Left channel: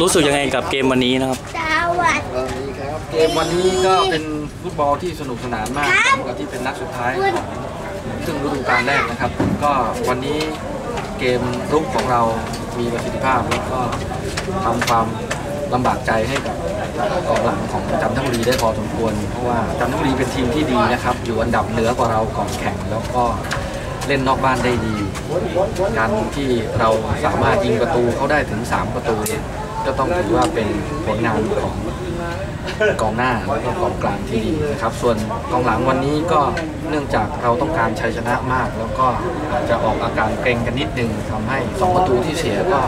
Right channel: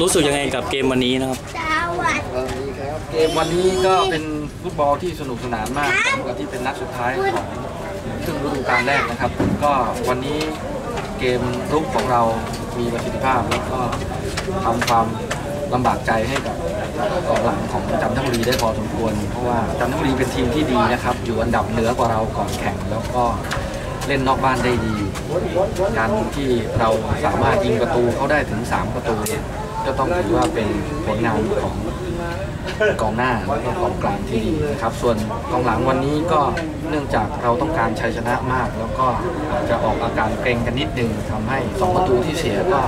รู้สึกยังไงกับเกมวันนี้นะครับ สวัสดี เกมวันนี้ก็เป็นฟุตบอลที่สนุกสนานมากสำหรับที่เป็นนัดสุดท้ายของครึ่งฤดูกาลแรกนะครับ ก็วันนี้เกมรุกของเรามีประสิทธิภาพแล้วก็ทำความลำบากใจให้กับกองหลังของจันทบุรีได้พอสมควร เพราะว่าจันทบุรีเป็นทีมที่ดีนะครับ อยู่อันดับเหนือกว่าเราก่อนแข่งแล้วก็เล่นนอกบ้านได้ดี การที่เราสามารถยิงประตูเขาได้ถึง 3 ประตูเนี่ย ก็ต้องถือว่าเป็นผลงานของกองหน้าแล้วก็กองกลางที่ดีนะครับ ส่วนกองหลังวันนี้ก็เนื่องจากเราต้องการชัยชนะมาก แล้วก็อาจจะออกอาการเกรงกันนิดนึงทำให้ 2 ประตูที่เสียก็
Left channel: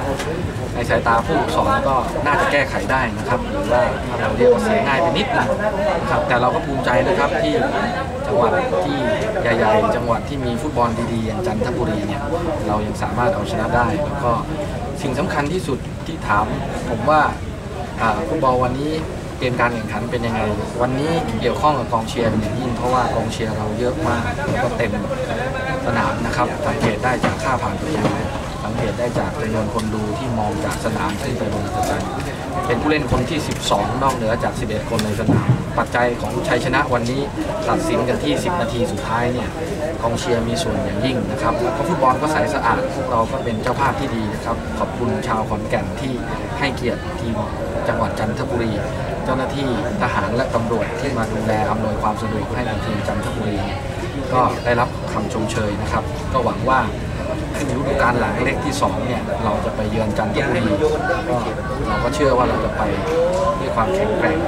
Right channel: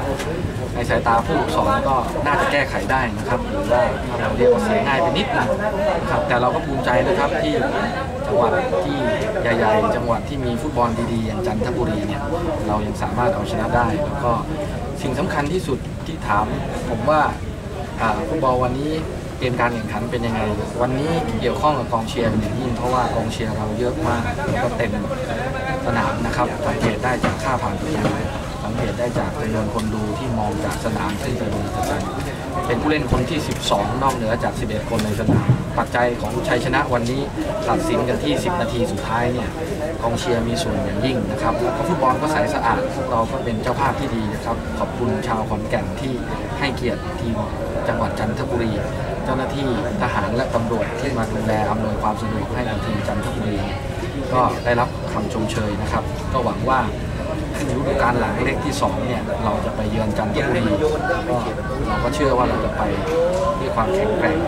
ในสายตาผู้สอนก็น่าจะแก้ไขได้นะครับหรือว่าถ้าเราเรียกว่าเสียง่ายไปนิดนึงนะครับแต่เราก็ภูมิใจนะครับที่ จังหวัดที่ใหญ่ๆ จังหวัดที่มีฟุตบอลดีๆ อย่างจันทบุรีเนี่ยเรายังสามารถเอาชนะได้ แล้วก็สิ่งสำคัญที่สุดที่ถามผมว่าฟุตบอลวันนี้เกมการแข่งขันเป็นยังไง วันนี้เกี่ยวข้องกับกองเชียร์เป็นอย่างยิ่งเพราะว่ากองเชียร์เราเยอะมากแล้วก็เต็มสนามนะครับสังเกตได้จากค่าผ่านประตูสังเกตได้จากจำนวนคนดูที่มองจากสนามขึ้นไปบนสแตนเป็นผู้เล่นคนที่ 12 นอกเหนือจาก 11 คนในสนาม ปัจจัยของชัยชนะวันนี้ตัดสินกันที่ 10 นาทีสุดท้ายเนี่ยกองเชียร์มีส่วนอย่างยิ่งนะครับแล้วก็ฟุตบอลก็ใสสะอาดพวกเราก็เป็นเจ้าภาพที่ดีนะครับขอบคุณชาวขอนแก่นที่ให้เกียรติทีมจังหวัดจันทบุรี เจ้าหน้าที่ทหารและตำรวจที่มาดูแลอำนวยความสะดวกให้กับทีมจันทบุรี ก็ได้รับคำชมเชยนะครับ ก็หวังว่าขึ้นฤดูกาลหลังเลขที่2เนี่ยเราจะไปเยือนจันทบุรีก็เราก็เชื่อว่าเราจะไปด้วยความแข็งแกร่ง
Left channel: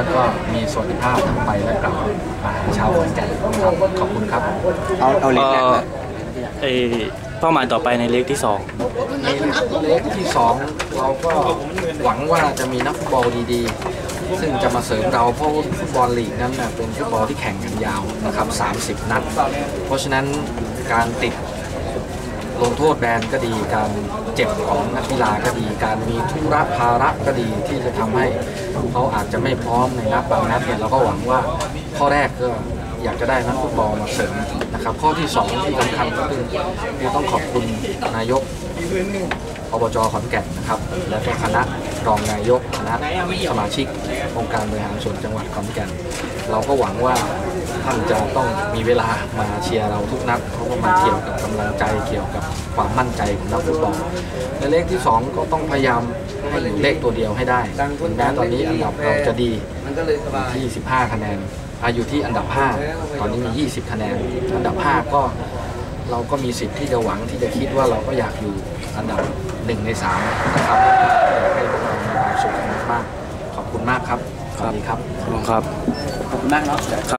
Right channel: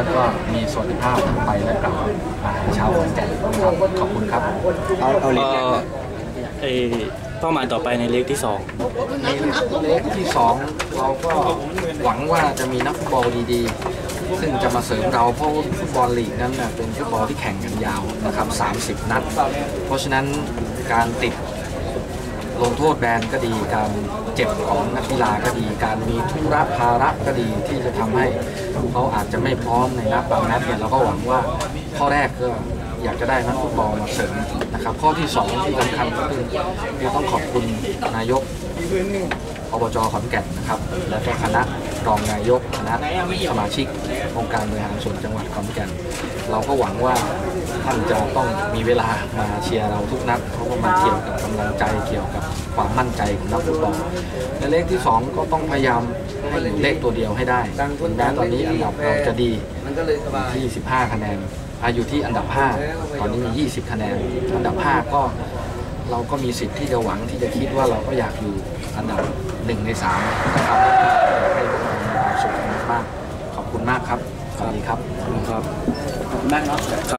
แล้วก็มีสวัสดิภาพทั้งไปและกลับมาหาชาวขอนแก่นนะครับขอบคุณครับเอาเอาเล็กเอ่แรกอเลยเอ่อเป้าหมายต่อไปในเล็กที่สองในเลขที่ 2 เราก็หวังว่าจะมีนักฟุตบอลดีๆ ซึ่งจะมาเสริมเราเพราะฟุตบอลลีกนั้นนะเป็นฟุตบอลที่แข่งกันยาวนะครับ 30 นัด เพราะฉะนั้นการติด ลงโทษแบนก็ดีการเจ็บของนักกีฬาก็ดี การมีธุระภาระก็ดีที่จะทำให้เขาอาจจะไม่พร้อมในนัดบางนัดเนี่ยเราก็หวังว่าข้อแรกก็อยากจะได้นักฟุตบอลมาเสริมนะครับ ข้อที่สองที่สำคัญก็คือต้องขอบคุณนายก อบจขอนแก่นนะครับ และก็คณะรองนายกคณะสมาชิกองค์การบริหารส่วนจังหวัดขอนแก่น เราก็หวังว่าท่านจะต้องมีเวลามาเชียร์เราทุกนัดเพราะว่ามันเกี่ยวกับกำลังใจเกี่ยวกับความมั่นใจของนักฟุตบอลและเลขที่ 2 ก็ต้องพยายามให้อยู่เลขตัวเดียวให้ได้ถึงแม้ตอนนี้อันดับเราจะดีมันก็เลยสบายที่ 15 คะแนนอาอยู่ที่อันดับ 5 ตอนนี้มี 20 คะแนน อันดับ 5 ก็ เราก็มีสิทธิ์ที่จะหวังที่จะคิดว่าเราก็อยากอยู่อันดับหนึ่งในสามนะครับอยากให้พวกเรามีความสุขมากขอบคุณมากครับสวัสดีครับขอบคุณครับขอบคุณมากเนาะ